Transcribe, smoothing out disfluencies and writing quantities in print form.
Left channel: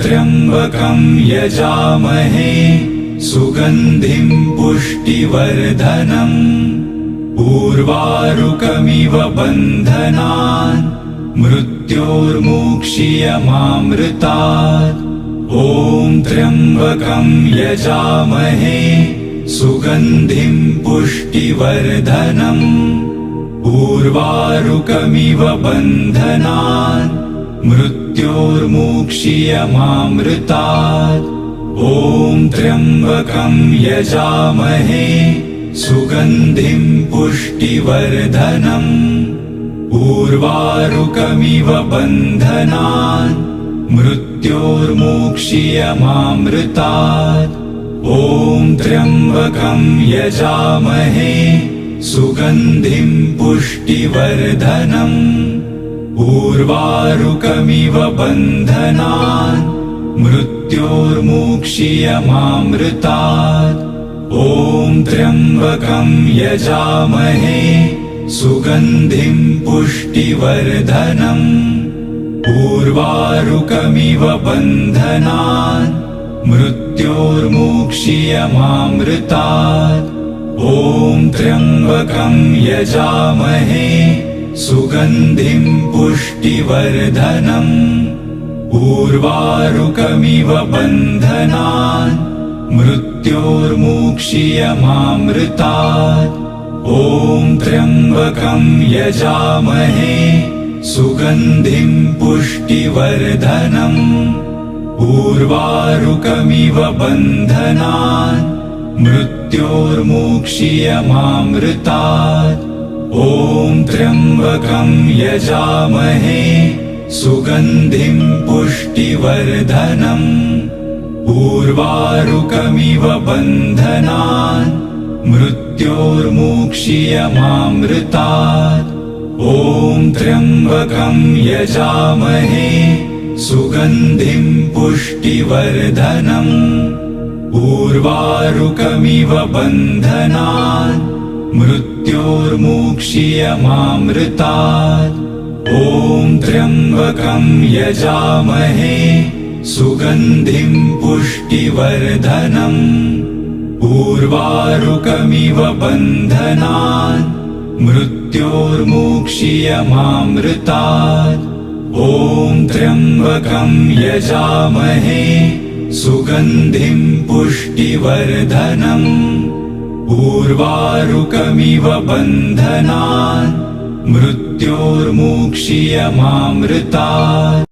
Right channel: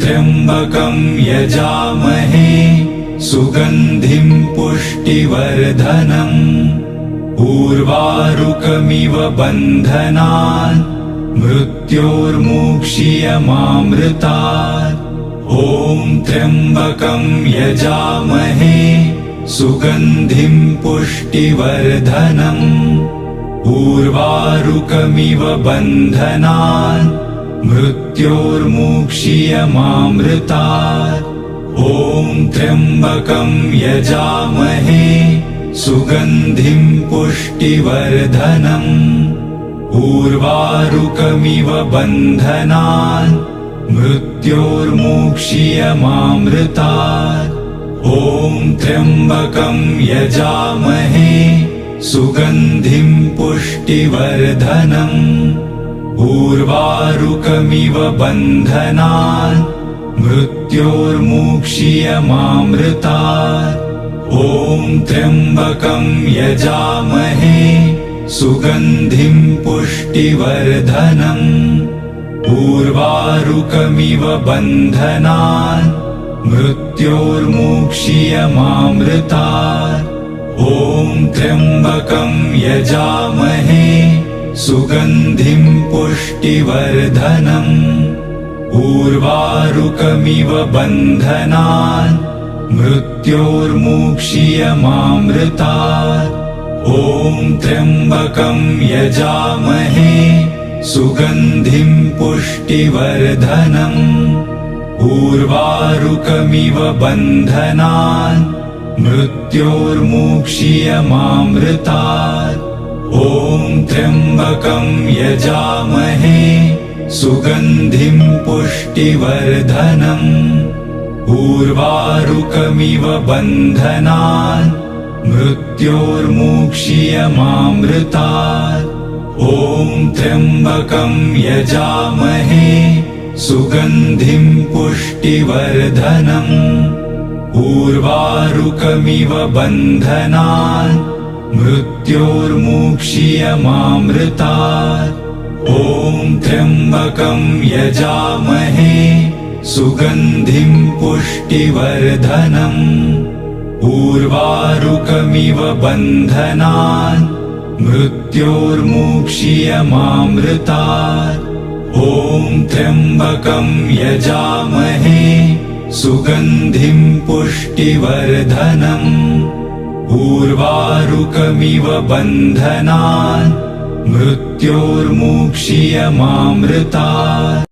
त्र्यम्बकं यजामहे सुगन्धिं पुष्टिवर्धनम् उर्वारुकमिव बन्धनान् मृत्योर्मुक्षीयमामृतात्। ॐ त्र्यम्बकं यजामहे सुगन्धिं पुष्टिवर्धनम् उर्वारुकमिव बन्धनान् मृत्योर्मुक्षीयमामृतात्। ॐ त्र्यम्बकं यजामहे सुगन्धिं पुष्टिवर्धनम् उर्वारुकमिव बन्धनान् मृत्योर्मुक्षीयमामृतात्। ॐ त्र्यम्बकं यजामहे सुगन्धिं पुष्टिवर्धनम् उर्वारुकमिव बन्धनान् मृत्योर्मुक्षीयमामृतात्। ॐ त्र्यम्बकं यजामहे सुगन्धिं पुष्टिवर्धनम् उर्वारुकमिव बन्धनान् मृत्योर्मुक्षीयमामृतात्। ॐ त्र्यम्बकं यजामहे सुगन्धिं पुष्टिवर्धनम् उर्वारुकमिव बन्धनान् मृत्योर्मुक्षीयमामृतात्। ॐ त्र्यम्बकं यजामहे सुगन्धिं पुष्टिवर्धनम् उर्वारुकमिव बन्धनान् मृत्योर्मुक्षीयमामृतात्। ॐ त्र्यम्बकं यजामहे सुगन्धिं पुष्टिवर्धनम् उर्वारुकमिव बन्धनान् मृत्योर्मुक्षीयमामृतात्। ॐ त्र्यम्बकं यजामहे सुगन्धिं पुष्टिवर्धनम् उर्वारुकमिव बन्धनान् मृत्योर्मुक्षीयमामृतात्। ॐ त्र्यम्बकं यजामहे सुगन्धिं पुष्टिवर्धनम् उर्वारुकमिव बन्धनान् मृत्योर्मुक्षीयमामृतात्। ॐ त्र्यम्बकं यजामहे सुगन्धिं पुष्टिवर्धनम् उर्वारुकमिव बन्धनान् मृत्योर्मुक्षीयमामृतात्।